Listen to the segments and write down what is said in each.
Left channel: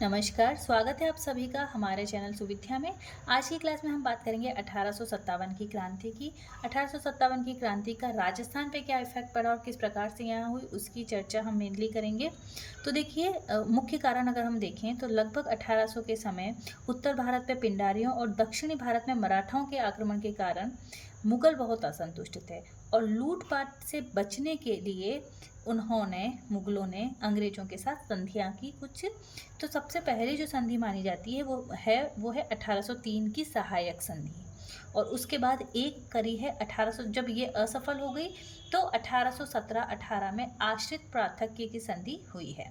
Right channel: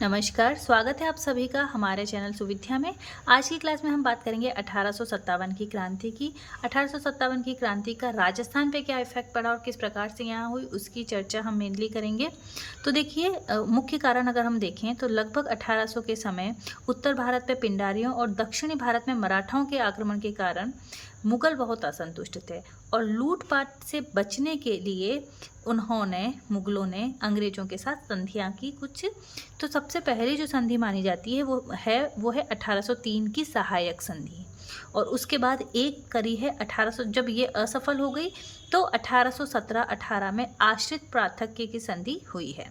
नमस्कार, स्वागत है आप सभी का हमारे चैनल सुविध्या में। आज की क्लास में हम बात करेंगे 1857 की क्रांति की। 1857 की क्रांति का राजस्थान पे क्या इफेक्ट पड़ा और किस प्रकार से यहाँ हुई, उसकी चर्चा हम मेनली करेंगे। तो देखिए, मुख्य कारण अगर हम देखें तो लगभग 1800 के समय उत्तर भारत पे पिंडारियों और दक्षिणी भारत में मराठाओं के आक्रमण के कारण मुगल बहुत असंतुष्ट थे और लूटपाट से बचने के लिए मुगलों ने अंग्रेजों के साथ संधियां की कुछ। तो सबसे पहली जो संधि मानी जाती है वो है 1803 की सहायक संधि। और उसके बाद एक करी है 1800, जब ये असफल हो गई तो 1817-18 में आश्रित प्रार्थक्य की संधि हुई है।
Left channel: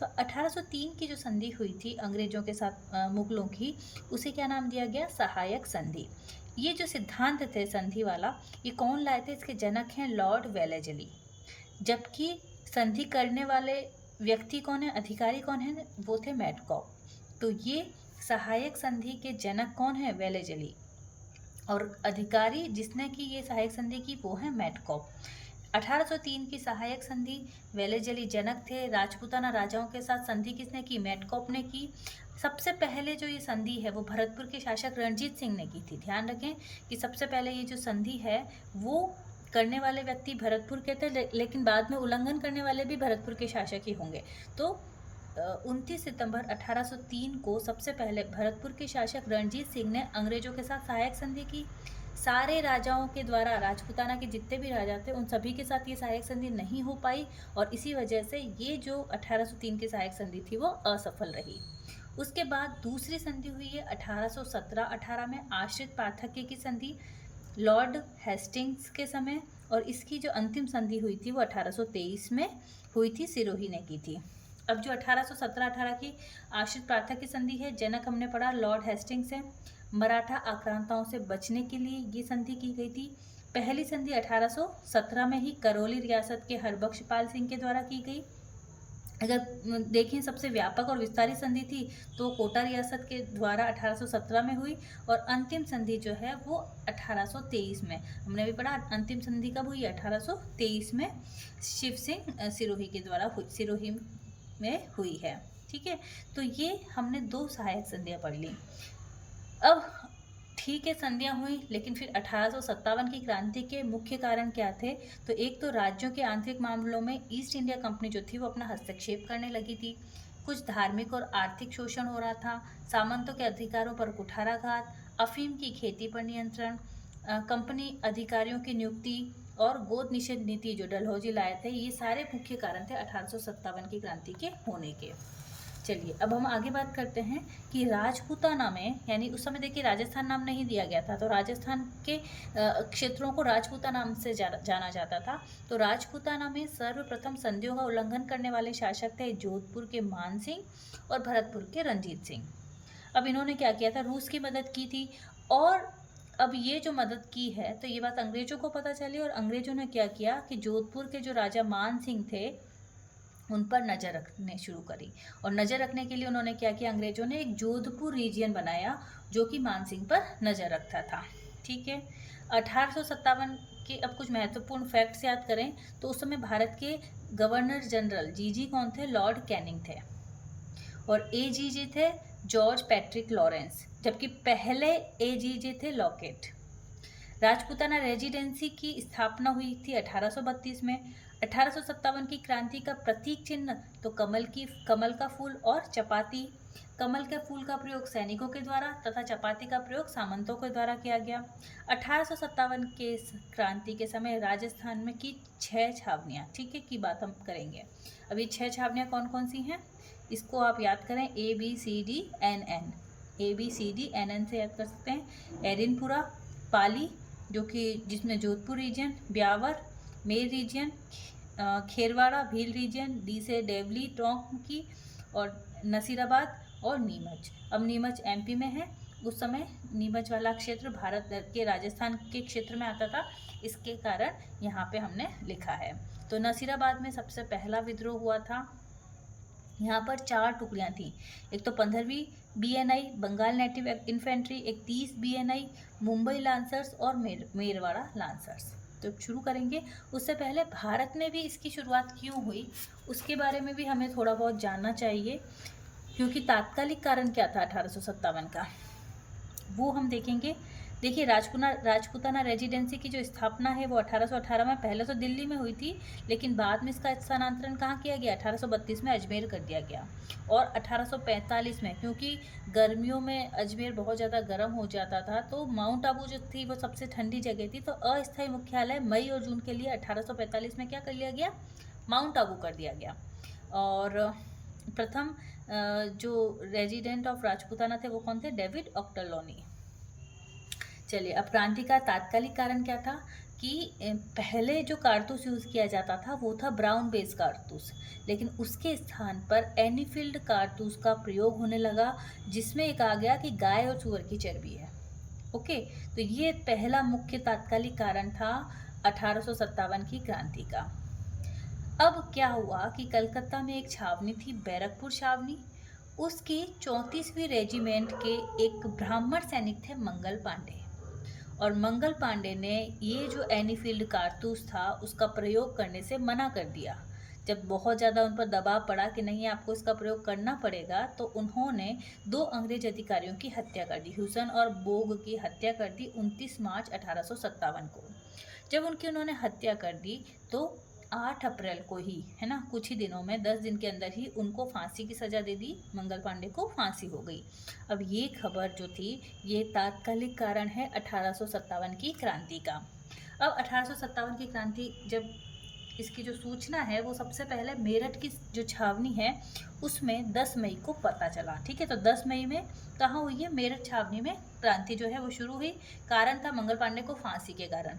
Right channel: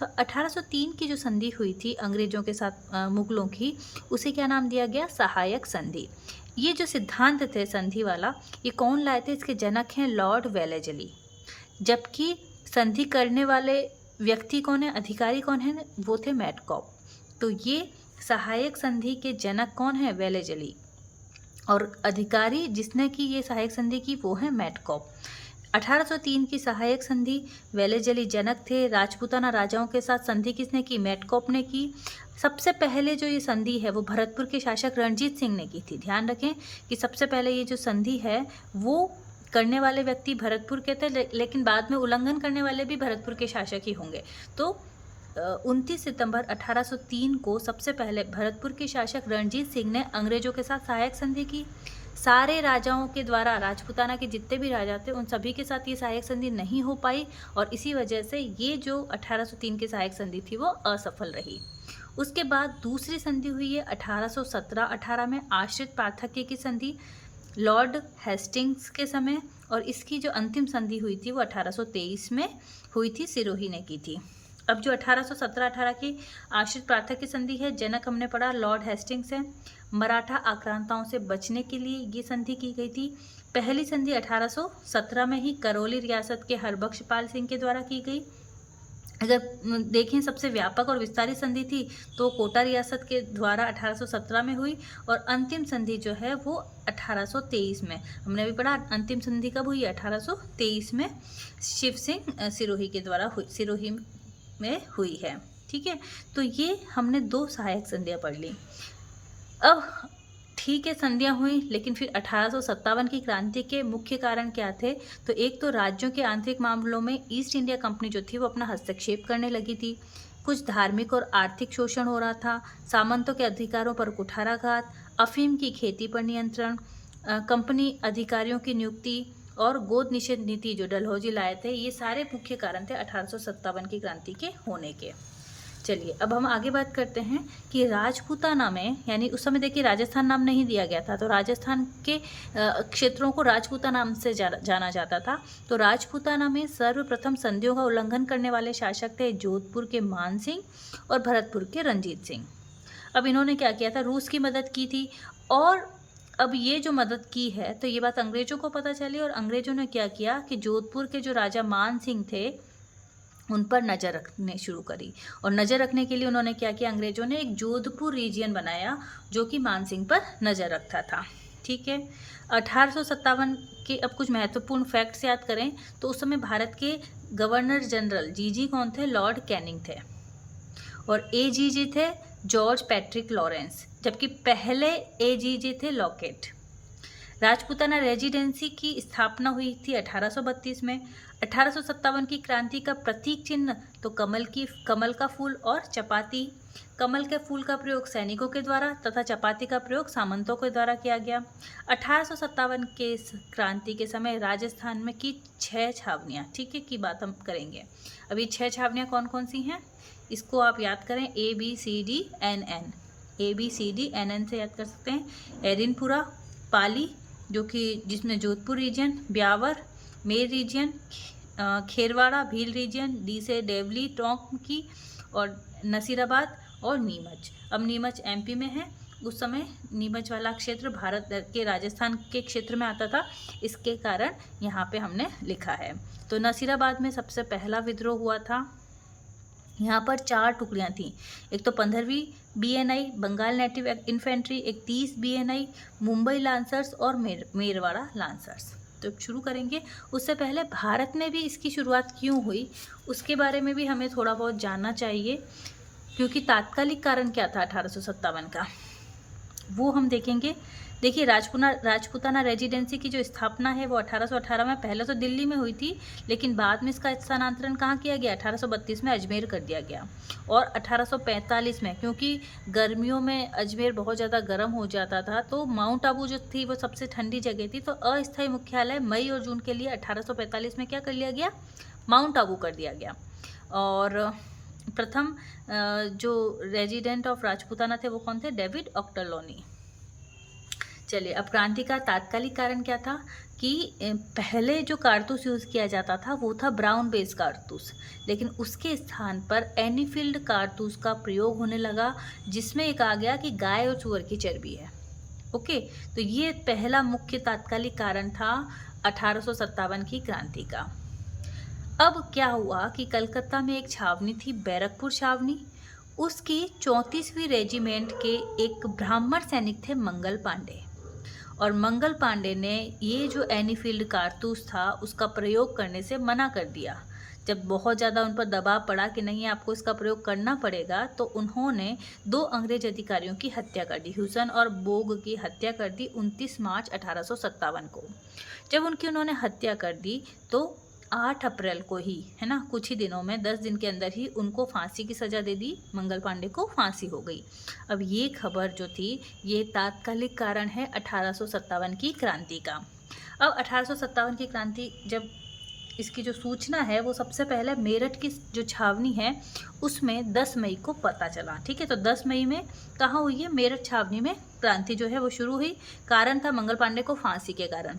तो 1803 की जो संधि हुई थी अंग्रेजों के साथ मुगलों की, उसे क्या नाम दिया गया? सहायक संधि। ये जो सिद्धांत थे संधि वाला, ये कौन लाए थे? इसके जनक हैं लॉर्ड वेलेजली। जबकि संधि करने वाले व्यक्ति कौन है, अधिकारी कौन है? वो थे मैटकॉप। तो ये सहायक संधि के जनक कौन है? वेलेजली। और अधिकारी जिसने की ये सहायक संधि की वो है मैटकॉप। 1803 की सहायक संधि, वेलेजली जनक थे। राजपूताना राजाओं के साथ संधि किसने की? मैटकॉप ने की। सबसे पहले जो ये संधि है वो भरतपुर के शासक रणजीत सिंह ने की थी। ध्यान रखें कि सबसे पहले ये जो संधि है वो करने वाले व्यक्ति भरतपुर के थे, लेकिन बाद में उल्लंघन करने वाले भी भरतपुर के शासक ही होंगे। तो 29 सितंबर 1803 को सबसे पहले भरतपुर के शासक रणजीत सिंह ने अंग्रेजों के साथ सहायक संधि की। सारे राजाओं के द्वारा, राजपूताना के जितने भी राजा थे उन सभी के साथ ये सहायक संधि नहीं हो पाई और इसी वजह से ये जो 1803 की सहायक संधि थी वो असफल रही। उसके बाद दूसरी संधि हुई है 1817-18 में आश्रित पार्थक्य की संधि, लॉर्ड हेस्टिंग्स के समय। और इसकी जो अंतिम संधि हुई थी वो 1823 में हुई थी, सिरोही ने की थी। अब जो 1817-18 की आश्रित प्रार्थक की संधि है, जनक हमने पढ़ा लॉर्ड हेस्टिंग्स है। मराठा आक्रांताओं से बचने के लिए ये संधि की गई थी। पहली संधि 1817 में ही करौली रियासत के हरबख्शपाल सिंह के द्वारा की गई। अगर देखें सबसे व्यापक और विस्तारित संधि थी तो कोटा रियासत के द्वारा 1817 में हुई। और अंतिम संधि जो है वो 1823 में, हमने अभी पढ़ा अंतिम संधि कब हुई? 1823 में शिव सिंह सिरोही के द्वारा हुई, सिरोही में हुई है। ठीक है, तो ये हमने दो सहायक संधियाँ पढ़ ली। अब ठीक है, संधियाँ हुई, लेकिन फिर 1857 की क्रांति के मुख्य कारण क्या थे? तो एक तो राज्यों के आंतरिक मामलों में ईस्ट इंडिया कंपनी जो थी वो अपना हस्तक्षेप करने लगी थी। कुछ धार्मिक और आर्थिक शोषण हो रहा था। सामंतों के अधिकारों पर कुठाराघात, अफीम की खेती पर नियंत्रण, कंपनी अधिकारियों की नियुक्ति और गोद निषेध नीति जो डलहौजी लाए थे, ये सारे मुख्य कारण थे 1857 की क्रांति के होने के। चलिए अब हम आगे बात करते हैं कि राजपूताना में, यानी उस समय देखिए राजस्थान नाम नहीं दिया गया था, तो राजस्थान के क्षेत्रों को राजपूता नाम से जाना जाता था। तो राजपूताना में सर्वप्रथम संधियों का उल्लंघन करने वाले शासक थे जोधपुर के मान सिंह और भरतपुर के रंजीत सिंह। अब इन्होंने क्या किया था? रूस की मदद की थी। और अब ये जो मदद की है तो ये बात अंग्रेजों को पता चली और अंग्रेजों ने क्या किया कि जोधपुर के जो राजा मान सिंह थे उन पर नज़र रखने शुरू करी। और नज़र रखने के लिए उन्होंने क्या किया? अंग्रेजों ने एक जोधपुर रीजियन बनाया जो कि मान सिंह पर नज़र रखता था। ठीक है, 1857 के अब कुछ महत्वपूर्ण फैक्ट्स याद करें तो उस समय भारत के गवर्नर जनरल जीजी कौन थे? लॉर्ड कैनिंग थे। और एजीजी थे जॉर्ज पैट्रिक लॉरेंस, जबकि पहले एजीजी थे लॉकेट। राजपूताना रेजिडेंसी की स्थापना हुई थी 1832 में। 1857 की क्रांति का प्रतीक चिन्ह तो कमल का फूल और चपाती। कमल के फूल का प्रयोग सैनिकों के द्वारा तथा चपाती का प्रयोग सामंतों के द्वारा किया गया। 1857 के क्रांति के समय राजस्थान में की 6 छावनियाँ, ठीक है, की बात हम करेंगे। अभी 6 छावनियाँ कौन कौन सी हैं इसको आप याद करें, ABCDNN, ABCDNN से याद कर सकते हैं। एरिनपुरा, पाली जो कि जिसमें Jodhpur region, Beawar Mer region, Kherwara Bhil region, D से देवली टोंक की, और नसीराबाद और नीमच। अब नीमच MP में है। उस समय नीमच वाला क्षेत्र भारत के राजस्थान के क्षेत्र में आता था, इसके कारण यहाँ पे हमने लिखा है। तो नसीराबाद में सबसे पहला विद्रोह हुआ था। यहाँ पर 4 टुकड़ियाँ थीं, एक तो 15वीं BNI बंगाल नेटिव इन्फेंट्री, एक 30 BNI मुंबई लांसर्स और मेरवाड़ा लांसर्स। तो शुरू करेंगे। उससे पहले भारत में भी इसकी शुरुआत क्यों हुई उसके बारे में भी हमें थोड़ा बहुत जानना चाहिए, क्योंकि तात्कालिक कारण क्या था 1857 का, वो हम देखेंगे। देखिए, राजपूताना रेजिडेंसी की जो स्थापना है वो 1818 में पहले तो दिल्ली में हुई थी, लेकिन बाद में इसका स्थानांतरण कहाँ किया गया, 1832 में अजमेर कर दिया गया। और 1845 में, क्योंकि गर्मियों में अजमेर बहुत ज़्यादा गर्म हो जाता था, तो माउंट आबू जो थी वो सबसे ठंडी जगह थी, तो अस्थायी मुख्यालय मई और जून के लिए 1845 में क्या कर लिया गया, माउंट आबू कर दिया गया। और प्रथम जो रेजिडेंट ऑफ राजपूताना थे वो कौन थे, डेविड ऑक्टरलोनी। चलिए, अब क्रांति का तात्कालिक कारण क्या था कि पहले जो कारतूस यूज़ किया जाता था वो था ब्राउन बेस कारतूस, लेकिन उसके स्थान पर एनीफील्ड कारतूस का प्रयोग होने लगा, जिसमें एक आ गया कि गाय और सुअर की चर्बी है। ओके, तो ये पहला मुख्य तात्कालिक कारण था 1857 की क्रांति का। अब क्या हुआ कि कलकत्ता में एक छावनी थी, बैरकपुर छावनी, उसकी 34वीं रेजिमेंट के एक ब्राह्मण सैनिक थे मंगल पांडे, और मंगल पांडे ने ये जो एनीफील्ड कारतूस था उसका प्रयोग करने से मना कर दिया। जब बहुत ज़्यादा उन पर दबाव पड़ा कि नहीं आपको इसका प्रयोग करना पड़ेगा, तो उन्होंने 2 अंग्रेज अधिकारियों की हत्या कर दी, ह्यूसन और बोग की हत्या कर दी 29 मार्च 1857 को। जब उन्होंने हत्या कर दी तो 8 अप्रैल को ही, है ना, कुछ ही दिनों में 10 दिन के अंदर ही उनको फांसी की सज़ा दे दी, मंगल पांडे को फांसी हो गई। अब ये खबर जो थी ये तात्कालिक कारण है 1857 की क्रांति का। अब 1857 की क्रांति जब इसकी जो सूचना है वो सबसे पहले मेरठ की जो छावनी है उसमें 10 मई को पता चला। ठीक है, तो 10 मई में कहाँ हुई है, मेरठ छावनी में क्रांति जो है वो शुरू हुई। कारण था मंगल पांडे को फांसी के कारण।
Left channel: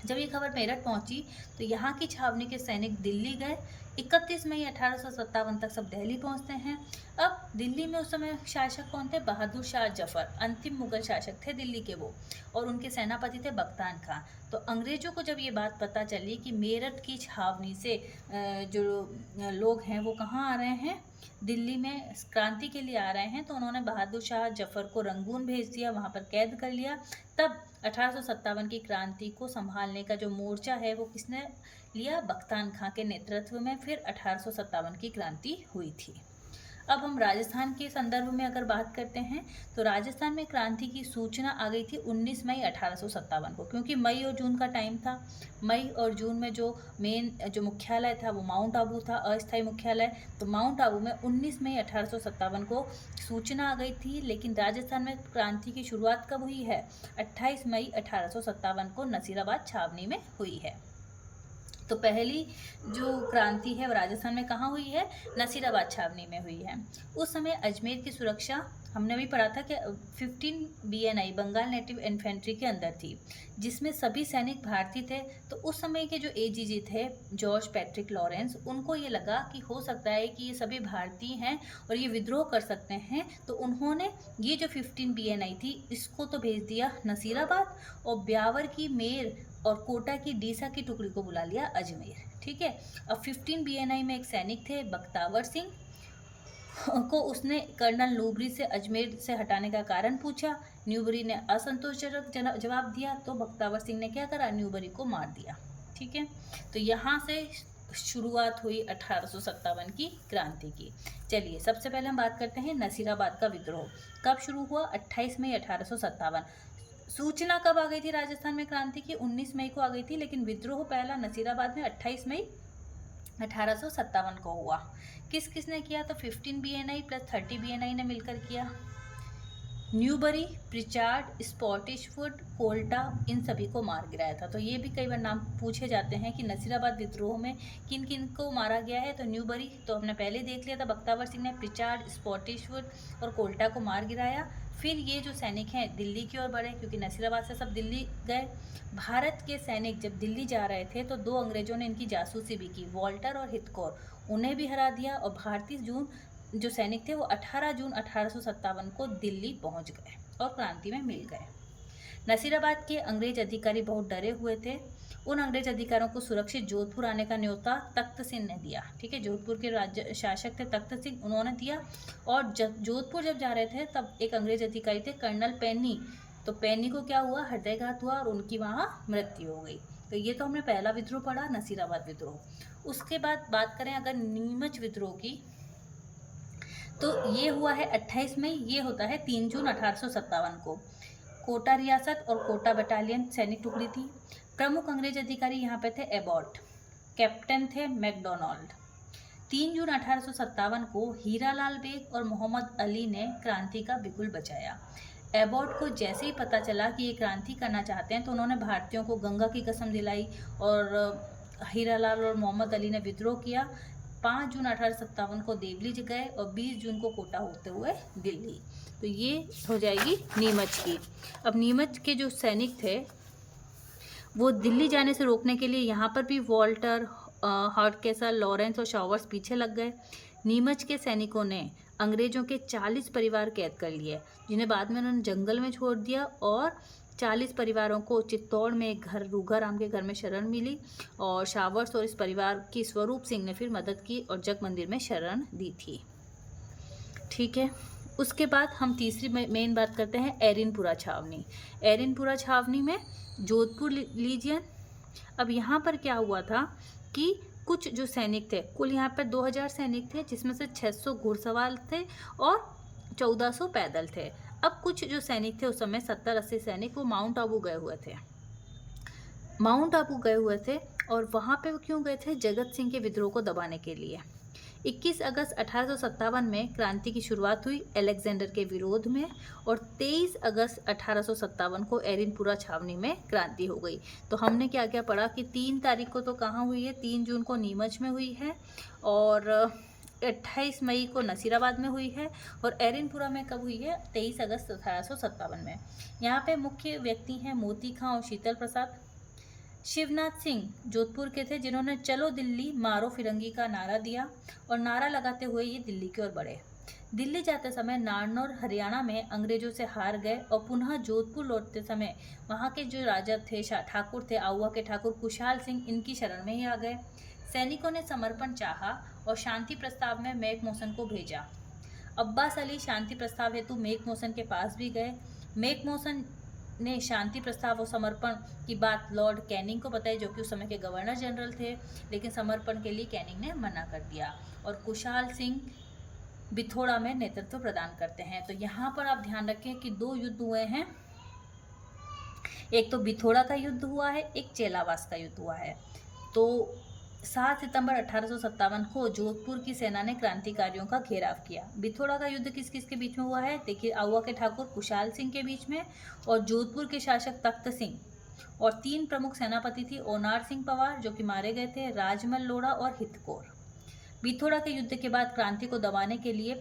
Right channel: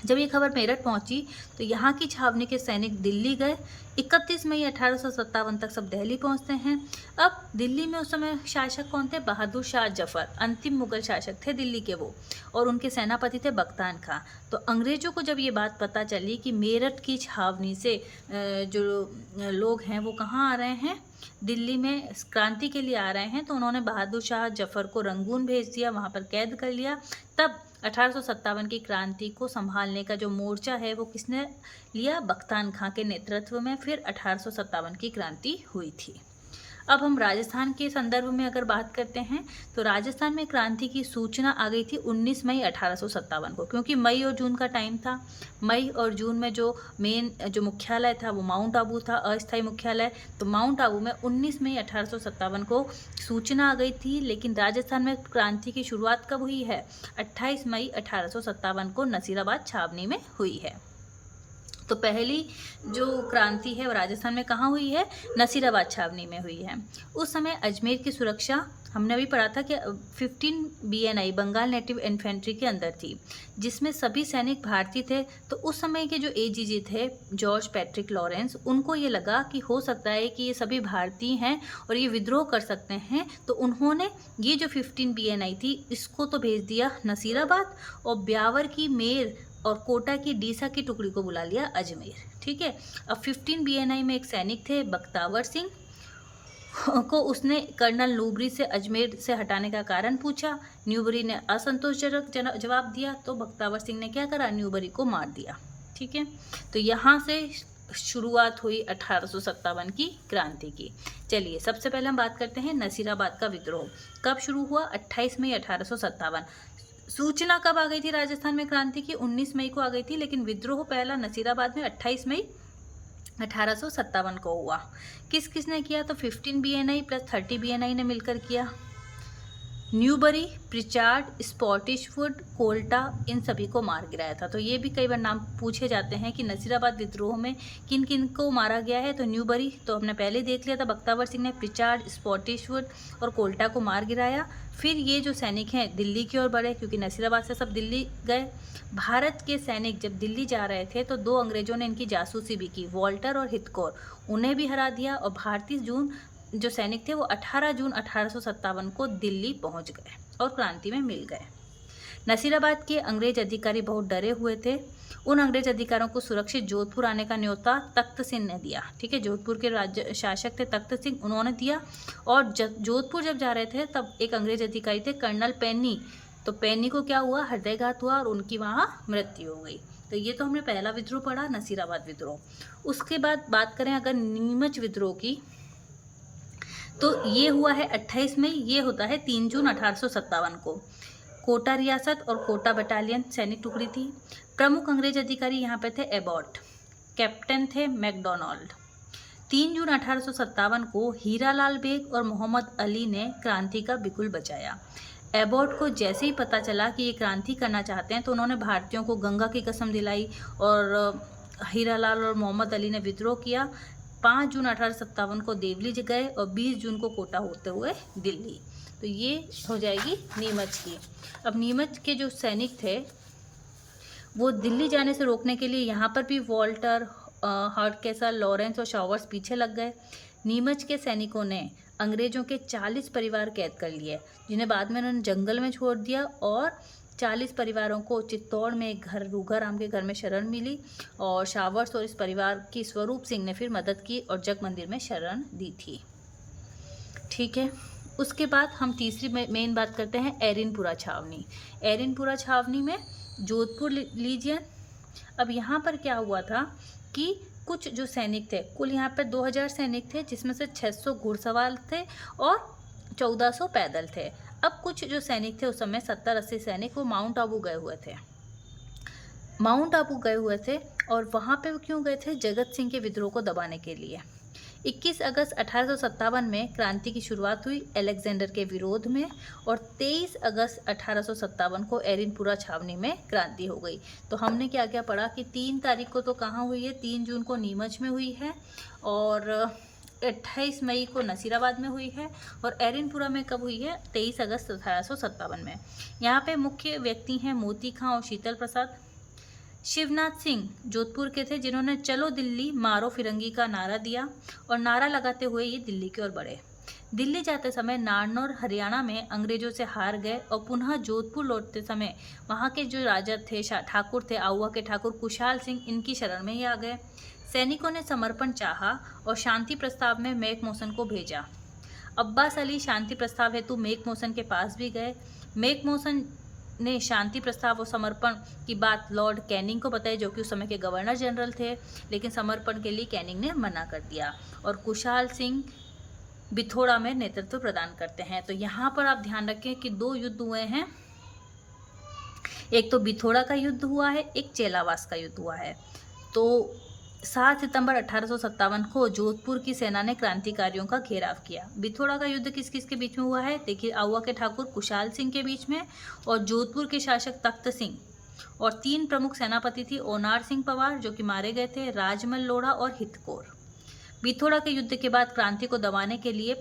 जब ये खबर मेरठ पहुंची तो यहाँ की छावनी के सैनिक दिल्ली गए। 31 मई 1857 तक सब दिल्ली पहुंचते हैं। अब दिल्ली में उस समय शासक कौन थे, बहादुर शाह जफर, अंतिम मुगल शासक थे दिल्ली के वो, और उनके सेनापति थे बख्तान खां। तो अंग्रेजों को जब ये बात पता चली कि मेरठ की छावनी से जो लोग हैं वो कहाँ आ रहे हैं, दिल्ली में क्रांति के लिए आ रहे हैं, तो उन्होंने बहादुर शाह जफर को रंगून भेज दिया, वहाँ पर कैद कर लिया। तब 1857 की क्रांति को संभालने का जो मोर्चा है वो किसने लिया, बख्तान खां के नेतृत्व में फिर 1857 की क्रांति हुई थी। अब हम राजस्थान के संदर्भ में अगर बात करते हैं तो राजस्थान में क्रांति की सूचना आ गई थी 19 मई 1857 को, क्योंकि मई और जून का टाइम था। मई और जून में जो मेन जो मुख्यालय था वो माउंट आबू था, अस्थायी मुख्यालय। तो माउंट आबू में 19 मई 1857 को सूचना आ गई थी, लेकिन राजस्थान में क्रांति की शुरुआत कब हुई है, 28 मई 1857 को नसीराबाद छावनी में हुई है। तो पहली जो क्रांति है वो राजस्थान में कहाँ हुई है, नसीराबाद छावनी में हुई है। उस समय अजमेर की सुरक्षा हमने अभी पढ़ा था कि 15 BNI बंगाल नेटिव इन्फेंट्री के अंदर थी, जिसमें सभी सैनिक भारतीय थे। तो उस समय के जो AGG थे जॉर्ज पैट्रिक लॉरेंस, उनको ये लगा कि हो सकता है कि ये सभी भारतीय हैं और ये विद्रोह कर सकते हैं, तो उन्होंने ये जो 15 BNI थी इसको तो भेज दिया नसीराबाद, और ब्यावर की मेर और कोटा की डीसा की टुकड़ी को बुला लिया अजमेर। ठीक है, अब 15 BNI में एक सैनिक थे बख्तावर सिंह को उसने कर्नल न्यूबरी से अजमेर से हटाने का कारण पूछा। न्यूबरी ने असंतोषजनक जवाब दिया, तो बख्तावर सिंह ने क्या करा, न्यूबरी को मार दिया। ठीक है, तो यहाँ से शुरुआत हुई 1857 की क्रांति की। चलिए, सबसे पहले हम बात करते हैं नसीराबाद का विद्रोह कब शुरू हुआ, 28 मई 1857। सूचना कब आ गई थी राजस्थान में क्रांति की, 19 मई को आ गई थी, लेकिन विद्रोह पहला नसीराबाद में 28 मई 1857 को हुआ। किस किसने किया, तो 15 BNI प्लस 30 BNI ने मिलकर किया। न्यूबरी, प्रिचार्ड, स्पॉटिशवुड, कोल्टा, इन सभी को मार गिराया था। तो ये भी कई बार नाम पूछे जाते हैं कि नसीराबाद विद्रोह में किन किन को मारा गया है। तो न्यूबरी तो हमने पहले देख लिया था, बख्तावर सिंह ने प्रिचार्ड, स्पॉटिशवुड और कोल्टा को मार गिराया। फिर ये जो सैनिक हैं दिल्ली की ओर बढ़े, क्योंकि नसीराबाद से सब दिल्ली गए। भारत के सैनिक जब दिल्ली जा रहे थे तो 2 अंग्रेजों ने इनकी जासूसी भी की, वॉल्टर और हितकोर, उन्हें भी हरा दिया। और भारतीय जो सैनिक थे वो 18 जून 1857 को दिल्ली पहुंच गए और क्रांति में मिल गए। नसीराबाद के अंग्रेज अधिकारी बहुत डरे हुए थे। उन अंग्रेज अधिकारियों को सुरक्षित जोधपुर आने का न्योता तख्त सिंह ने दिया। ठीक है, जोधपुर के राज्य शासक थे तख्त सिंह, उन्होंने दिया। और जोधपुर जब जा रहे थे तब एक अंग्रेज अधिकारी थे कर्नल पेनी, तो पेनी को क्या हुआ, हृदयघात हुआ और उनकी वहाँ मृत्यु हो गई। तो ये तो हमने पहला विद्रोह पढ़ा, नसीराबाद विद्रोह। उसके बाद बात करें अगर नीमच विद्रोह की, तो ये हुआ है 28 मई, ये होता है 3 जून 1857 को। कोटा रियासत और कोटा बटालियन सैनिक टुकड़ी थी। प्रमुख अंग्रेज अधिकारी यहाँ पे थे एबॉट, कैप्टन थे मैकडोनाल्ड। 3 जून 1857 को हीरालाल बेग और मोहम्मद अली ने क्रांति का बिगुल बजाया। एबॉट को जैसे ही पता चला कि ये क्रांति करना चाहते हैं तो उन्होंने भारतीयों को गंगा की कसम दिलाई और हीरालाल और मोहम्मद अली ने विद्रोह किया। 5 जून 1857 को देवली गए और 20 जून को कोटा होते हुए दिल्ली। तो ये हो जाएगी नीमच की। अब नीमच के जो सैनिक थे वो दिल्ली जाने से रोकने के लिए यहाँ पर भी वॉल्टर, हॉटकेसर, लॉरेंस और शॉवर्स पीछे लग गए। नीमच के सैनिकों ने अंग्रेजों के 40 परिवार कैद कर लिए, जिन्हें बाद में उन्होंने जंगल में छोड़ दिया और 40 परिवारों को चित्तौड़ में एक घर, रूघाराम के घर में शरण मिली और शावर्स और इस परिवार की स्वरूप सिंह ने फिर मदद की और जग मंदिर में शरण दी थी। ठीक है, उसके बाद हम तीसरी मेन बात करते हैं एरिनपुरा छावनी। एरिनपुरा छावनी में जोधपुर लीजियन। अब यहाँ पर क्या हुआ था कि कुछ जो सैनिक थे, कुल यहाँ पर 2000 सैनिक थे, जिसमें से 600 घुड़सवार थे और 1400 पैदल थे। अब कुछ जो सैनिक थे उस समय 70-80 सैनिक वो माउंट आबू गए हुए थे। माउंट आबू गए हुए थे और वहाँ पे वो क्यों गए थे? जगत सिंह के विद्रोह को दबाने के लिए। 21 अगस्त 1857 में क्रांति की शुरुआत हुई अलेक्जेंडर के विरोध में और 23 अगस्त 1857 को एरिनपुरा छावनी में क्रांति हो गई। तो हमने क्या क्या पढ़ा कि 3 तारीख को तो कहाँ हुई है? 3 जून को नीमच में हुई है और 28 मई को नसीराबाद में हुई है और एरिनपुरा में कब हुई है? 23 अगस्त 1857 में। यहाँ पे मुख्य व्यक्ति हैं मोती खां और शीतल प्रसाद। शिवनाथ सिंह जोधपुर के थे, जिन्होंने चलो दिल्ली मारो फिरंगी का नारा दिया और नारा लगाते हुए ये दिल्ली की ओर बढ़े। दिल्ली जाते समय नारनौल हरियाणा में अंग्रेजों से हार गए और पुनः जोधपुर लौटते समय वहाँ के जो राजा थे, ठाकुर थे, आउवा के ठाकुर कुशाल सिंह, इनकी शरण में ही आ गए। सैनिकों ने समर्पण चाहा और शांति प्रस्ताव में मैकमोहन को भेजा। अब्बास अली शांति प्रस्ताव हेतु मैकमोहन के पास भी गए। मैकमोहन ने शांति प्रस्ताव और समर्पण की बात लॉर्ड कैनिंग को बताई, जो कि उस समय के गवर्नर जनरल थे, लेकिन समर्पण के लिए कैनिंग ने मना कर दिया और कुशाल सिंह बिथोड़ा में नेतृत्व प्रदान करते हैं। तो यहाँ पर आप ध्यान रखें कि 2 युद्ध हुए हैं, एक तो बिथोड़ा का युद्ध हुआ है, एक चेलावास का युद्ध हुआ है। तो 7 सितंबर 1857 को जोधपुर की सेना ने क्रांतिकारियों का घेराव किया। बिथोड़ा का युद्ध किस किस के बीच में हुआ है? देखिए, आउवा के ठाकुर कुशाल सिंह के बीच में और जोधपुर के शासक तख्त सिंह और 3 प्रमुख सेनापति थी, ओनार सिंह पवार जो कि मारे गए थे, राजमल लोढ़ा और हितकोर। बिथोड़ा के युद्ध के बाद क्रांति को दबाने के लिए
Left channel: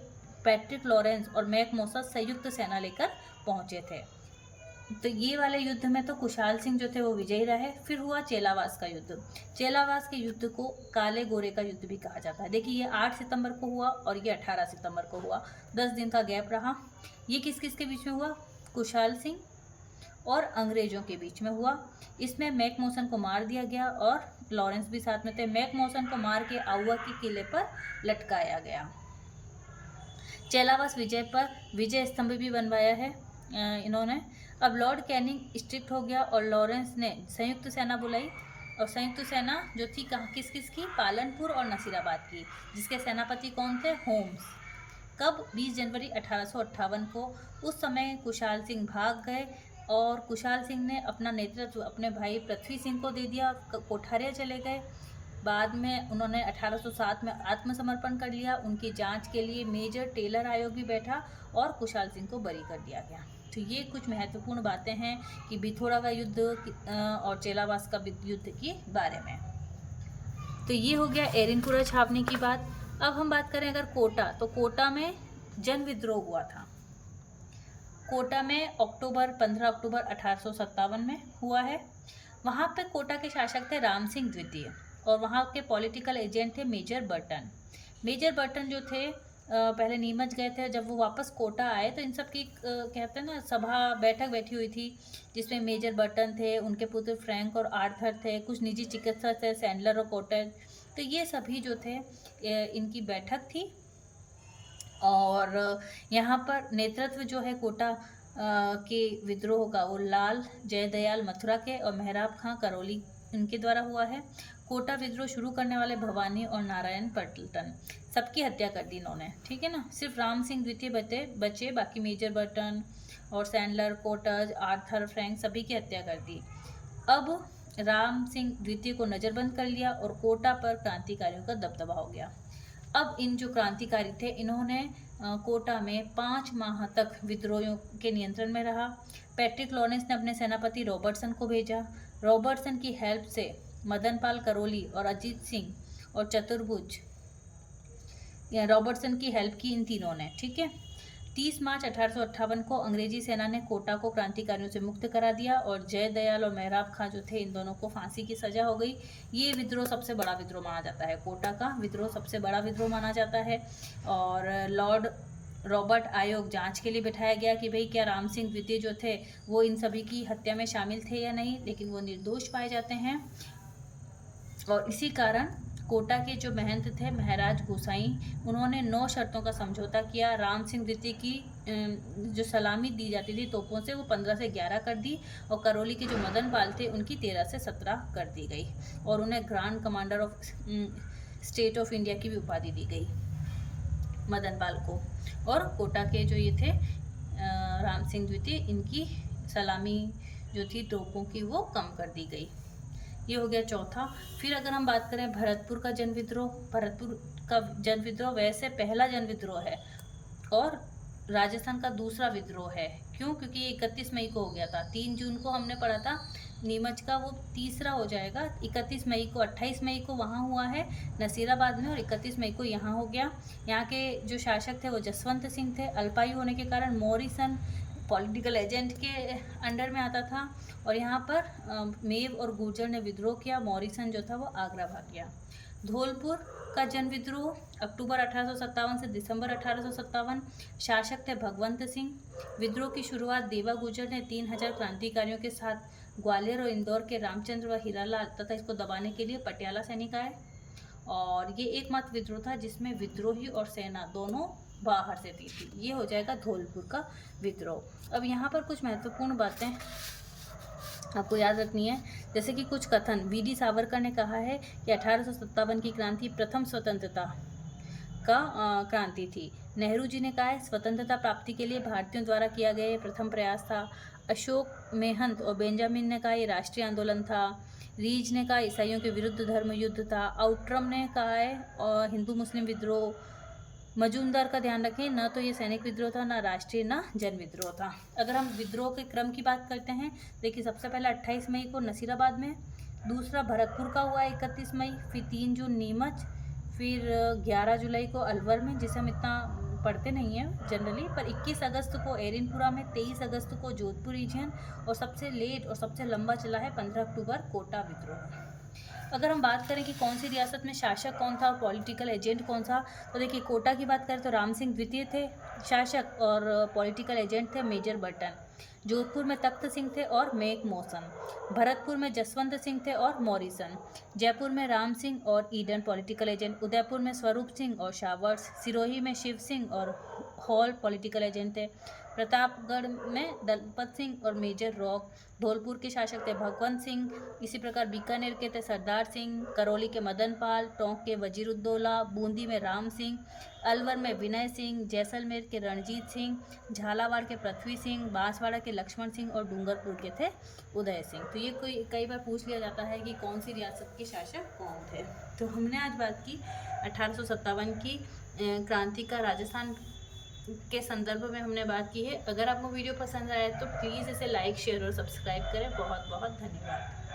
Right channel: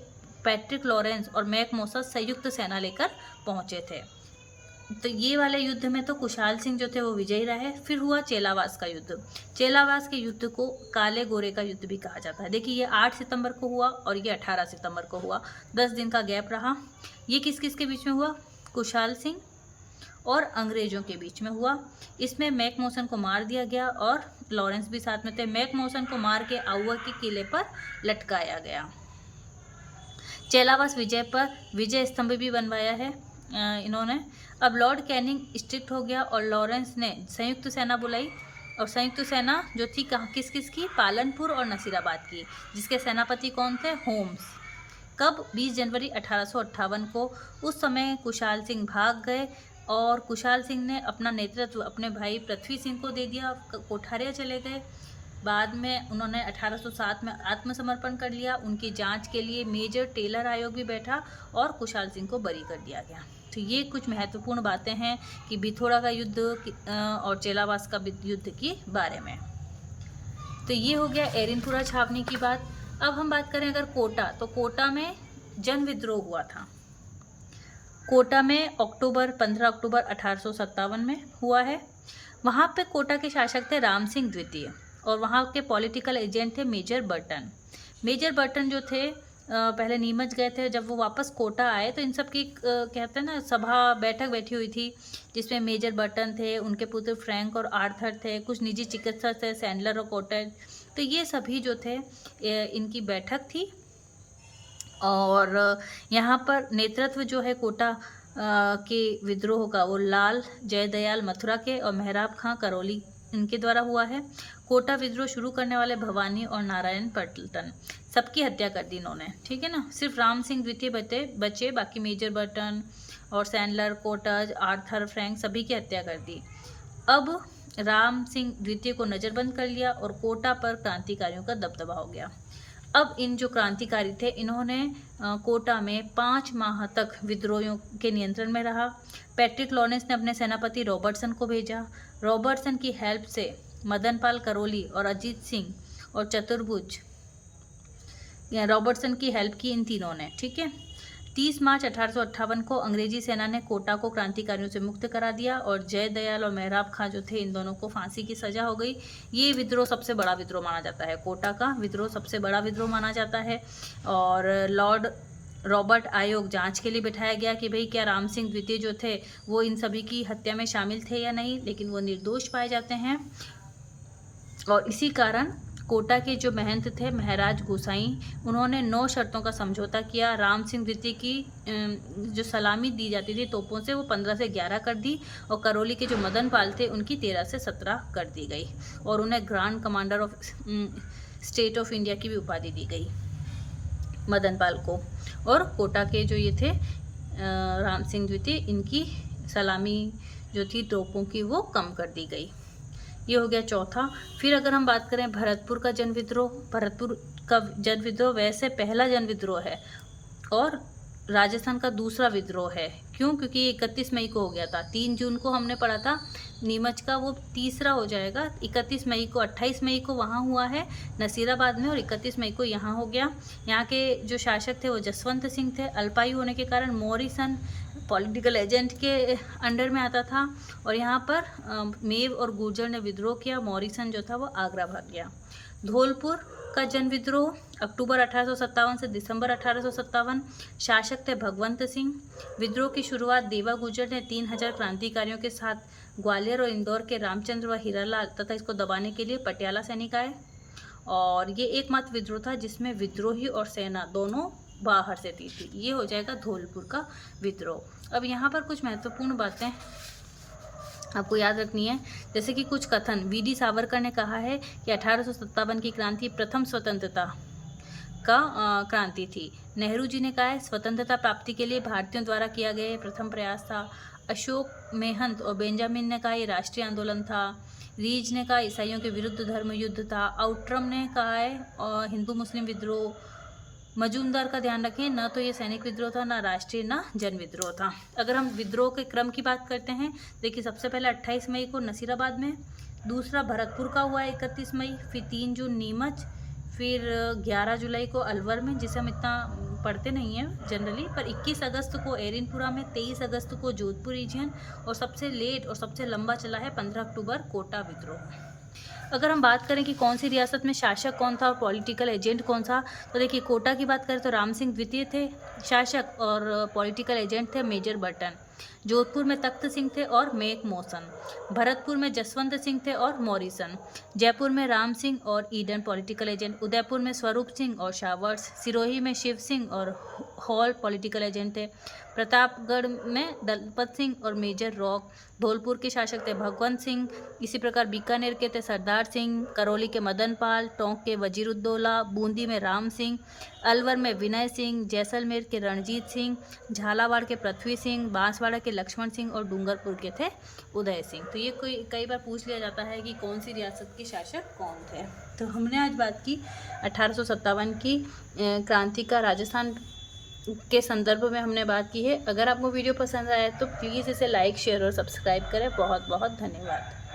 पैट्रिक लॉरेंस और मैकमोहन संयुक्त सेना लेकर पहुंचे थे। तो ये वाले युद्ध में तो कुशाल सिंह जो थे वो विजयी रहे। फिर हुआ चेलावास का युद्ध। चेलावास के युद्ध को काले गोरे का युद्ध भी कहा जाता है। देखिए, ये 8 सितंबर को हुआ और ये 18 सितंबर को हुआ, 10 दिन का गैप रहा। ये किस किस के बीच में हुआ? कुशाल सिंह और अंग्रेजों के बीच में हुआ। इसमें मैकमोहन को मार दिया गया और लॉरेंस भी साथ में थे। मैकमोहन को मार के आउवा के किले पर लटकाया गया। चेलावास विजय पर विजय स्तंभ भी बनवाया है इन्होंने। अब लॉर्ड कैनिंग स्ट्रिक्ट हो गया और लॉरेंस ने संयुक्त सेना बुलाई और संयुक्त सेना जो थी किस किस की? पालनपुर और नसीराबाद की, जिसके सेनापति कौन थे? होम्स। कब? 20 जनवरी 1858 को। उस समय कुशाल सिंह भाग गए और कुशाल सिंह ने अपना नेतृत्व अपने भाई पृथ्वी सिंह को दे दिया, कोठारिया चले गए। बाद में उन्होंने 1807 में आत्मसमर्पण कर लिया। उनकी जांच के लिए मेजर टेलर आयोग भी बैठा और कुशाल सिंह को बरी कर दिया गया। तो ये कुछ महत्वपूर्ण बातें हैं कि बिथोड़ा का युद्ध और चेलावास का युद्ध के बारे में। तो ये हो गया एरिनपुरा छावनी की बात। अब हम बात करें अगर कोटा, तो कोटा में जन विद्रोह हुआ था। कोटा में 15 अक्टूबर 1857 में हुआ है। वहाँ पे कोटा के शासक थे राम सिंह द्वितीय और वहाँ के पॉलिटिकल एजेंट थे मेजर बर्टन। मेजर बर्टन जो थे पहले नीमच गए थे, जब वो वापस कोटा आए तो इन सब की कहते हैं ना सभा बैठक बैठी हुई थी, जिसमें मेजर बर्टन थे, उनके पुत्र फ्रैंक और आर्थर थे, कुछ निजी चिकित्सक थे, सैंडलर और कॉटेज। तो ये सभी जो थे इनकी बैठक थी और यहाँ पर नेतृत्व जो है कोटा के विद्रोह का वो लाल जयदयाल मथुरा के और मेहराब खां करौली इनके द्वारा हुआ है। कोटा विद्रोह शुरू करने वाले भवानी और नारायण पटलटन। सबकी हत्या कर दी इन्होंने, ठीक है ना। सिर्फ राम सिंह द्वितीय बचे, बाकी मेजर बर्टन और सैंडलर, कोटज, आर्थर, फ्रैंक सभी की हत्या कर दी। अब राम सिंह द्वितीय को नज़रबंद कर लिया और कोटा पर क्रांतिकारियों का दबदबा हो गया। अब इन जो क्रांतिकारी थे इन्होंने कोटा में 5 माह तक विद्रोहियों के नियंत्रण में रहा। पैट्रिक लॉरेंस ने अपने सेनापति रॉबर्टसन को भेजा। रॉबर्टसन की हेल्प से मदनपाल करोली और अजीत सिंह और चतुर्भुज, रॉबर्टसन की हेल्प की इन तीनों ने, ठीक है। 30 मार्च 1858 को अंग्रेजी सेना ने कोटा को क्रांतिकारियों से मुक्त करा दिया और जयदयाल और मेहराब खां जो थे इन दोनों को फांसी की सजा हो गई। ये विद्रोह सबसे बड़ा विद्रोह माना जाता है, कोटा का विद्रोह सबसे बड़ा विद्रोह माना जाता है। और लॉर्ड रॉबर्ट आयोग जांच के लिए बिठाया गया कि भाई क्या राम सिंह द्वितीय जो थे वो इन सभी की हत्या में शामिल थे या नहीं, लेकिन वो निर्दोष पाए जाते हैं। और इसी कारण कोटा के जो महंत थे महाराज गोसाई, उन्होंने 9 शर्तों का समझौता किया। राम सिंह द्वितीय की जो सलामी दी जाती थी तोपों से वो 15 से 11 कर दी और करौली के जो मदन पाल थे उनकी 13 से 17 कर दी गई और उन्हें grand commander of state of India की भी उपाधि दी गई मदन पाल को। और कोटा के जो ये थे राम सिंह द्वितीय, इनकी सलामी जो थी तोपों की वो कम कर दी गई। ये हो गया चौथा। फिर अगर हम बात करें भरतपुर का जन विद्रोह, भरतपुर का जन विद्रोह वैसे पहला जन विद्रोह है और राजस्थान का दूसरा विद्रोह है। क्यों? क्योंकि ये 31 मई को हो गया था। 3 जून को हमने पढ़ा था नीमच का, वो तीसरा हो जाएगा। 31 मई को, 28 मई को वहाँ हुआ है नसीराबाद में और 31 मई को यहाँ हो गया। यहाँ के जो शासक थे वो जसवंत सिंह थे। अल्पायु होने के कारण मॉरिसन पॉलिटिकल एजेंट के अंडर में आता था और यहाँ पर मेव और गुर्जर ने विद्रोह किया। मॉरिसन जो था वो आगरा भाग गया। धौलपुर का जन विद्रोह अक्टूबर 1857 से दिसंबर 1857। शासक थे भगवंत सिंह। विद्रोह की शुरुआत देवा गुर्जर ने 3000 क्रांतिकारियों के साथ ग्वालियर और इंदौर के रामचंद्र व हीरालाल तथा इसको दबाने के लिए पटियाला सैनिक आए और ये एकमात्र विद्रोह था जिसमें विद्रोही और सेना दोनों बाहर से थी। ये हो जाएगा धौलपुर का विद्रोह। अब यहाँ पर कुछ महत्वपूर्ण बातें आपको याद रखनी है, जैसे कि कुछ कथन। वीडी सावरकर ने कहा है कि 1857 की क्रांति प्रथम स्वतंत्रता का क्रांति थी। नेहरू जी ने कहा है स्वतंत्रता प्राप्ति के लिए भारतीयों द्वारा किया गया प्रथम प्रयास था। अशोक मेहंत और बेंजामिन ने कहा ये राष्ट्रीय आंदोलन था। रीज ने कहा ईसाइयों के विरुद्ध धर्म युद्ध था। आउट्रम ने कहा है हिंदू मुस्लिम विद्रोह। मजूमदार का ध्यान रखें, न तो ये सैनिक विद्रोह था, न राष्ट्रीय, न जन विद्रोह था। अगर हम विद्रोह के क्रम की बात करते हैं, देखिए सबसे पहले 28 मई को नसीराबाद में, दूसरा भरतपुर का हुआ 31 मई, फिर 3 जून नीमच, फिर 11 जुलाई को अलवर में, जिसे हम इतना पढ़ते नहीं हैं जनरली, पर 21 अगस्त को एरिनपुरा में, 23 अगस्त को जोधपुर रीजन और सबसे लेट और सबसे लंबा चला है 15 अक्टूबर कोटा विद्रोह। अगर हम बात करें कि कौन सी रियासत में शासक कौन था और पॉलिटिकल एजेंट कौन सा, तो देखिए कोटा की बात करें तो राम सिंह द्वितीय थे शासक और पॉलिटिकल एजेंट थे मेजर बर्टन। जोधपुर में तख्त सिंह थे और मेक मोसन। भरतपुर में जसवंत सिंह थे और मॉरिसन। जयपुर में राम सिंह और ईडन पॉलिटिकल एजेंट। उदयपुर में स्वरूप सिंह और शावर्स। सिरोही में शिव सिंह और हॉल पॉलिटिकल एजेंट थे। प्रतापगढ़ में दलपत सिंह और मेजर रॉक। धौलपुर के शासक थे भगवंत सिंह। इसी प्रकार बीकानेर के थे सरदार सिंह। करौली के मदन पाल। टोंक के वजीरुद्दौला। बूंदी में राम सिंह। अलवर में विनय सिंह। जैसलमेर के रणजीत सिंह। झालावाड़ के पृथ्वी सिंह। बांसवाड़ा के लक्ष्मण सिंह और डूंगरपुर के थे उदय सिंह। तो ये कई बार पूछ लिया जाता है कि कौन सी रियासत के शासक कौन थे। तो हमने आज बात की 1857 की क्रांति का राजस्थान के संदर्भ में हमने बात की है। अगर आपको वीडियो पसंद आया तो प्लीज़ इसे लाइक, शेयर और सब्सक्राइब करें। बहुत बहुत धन्यवाद।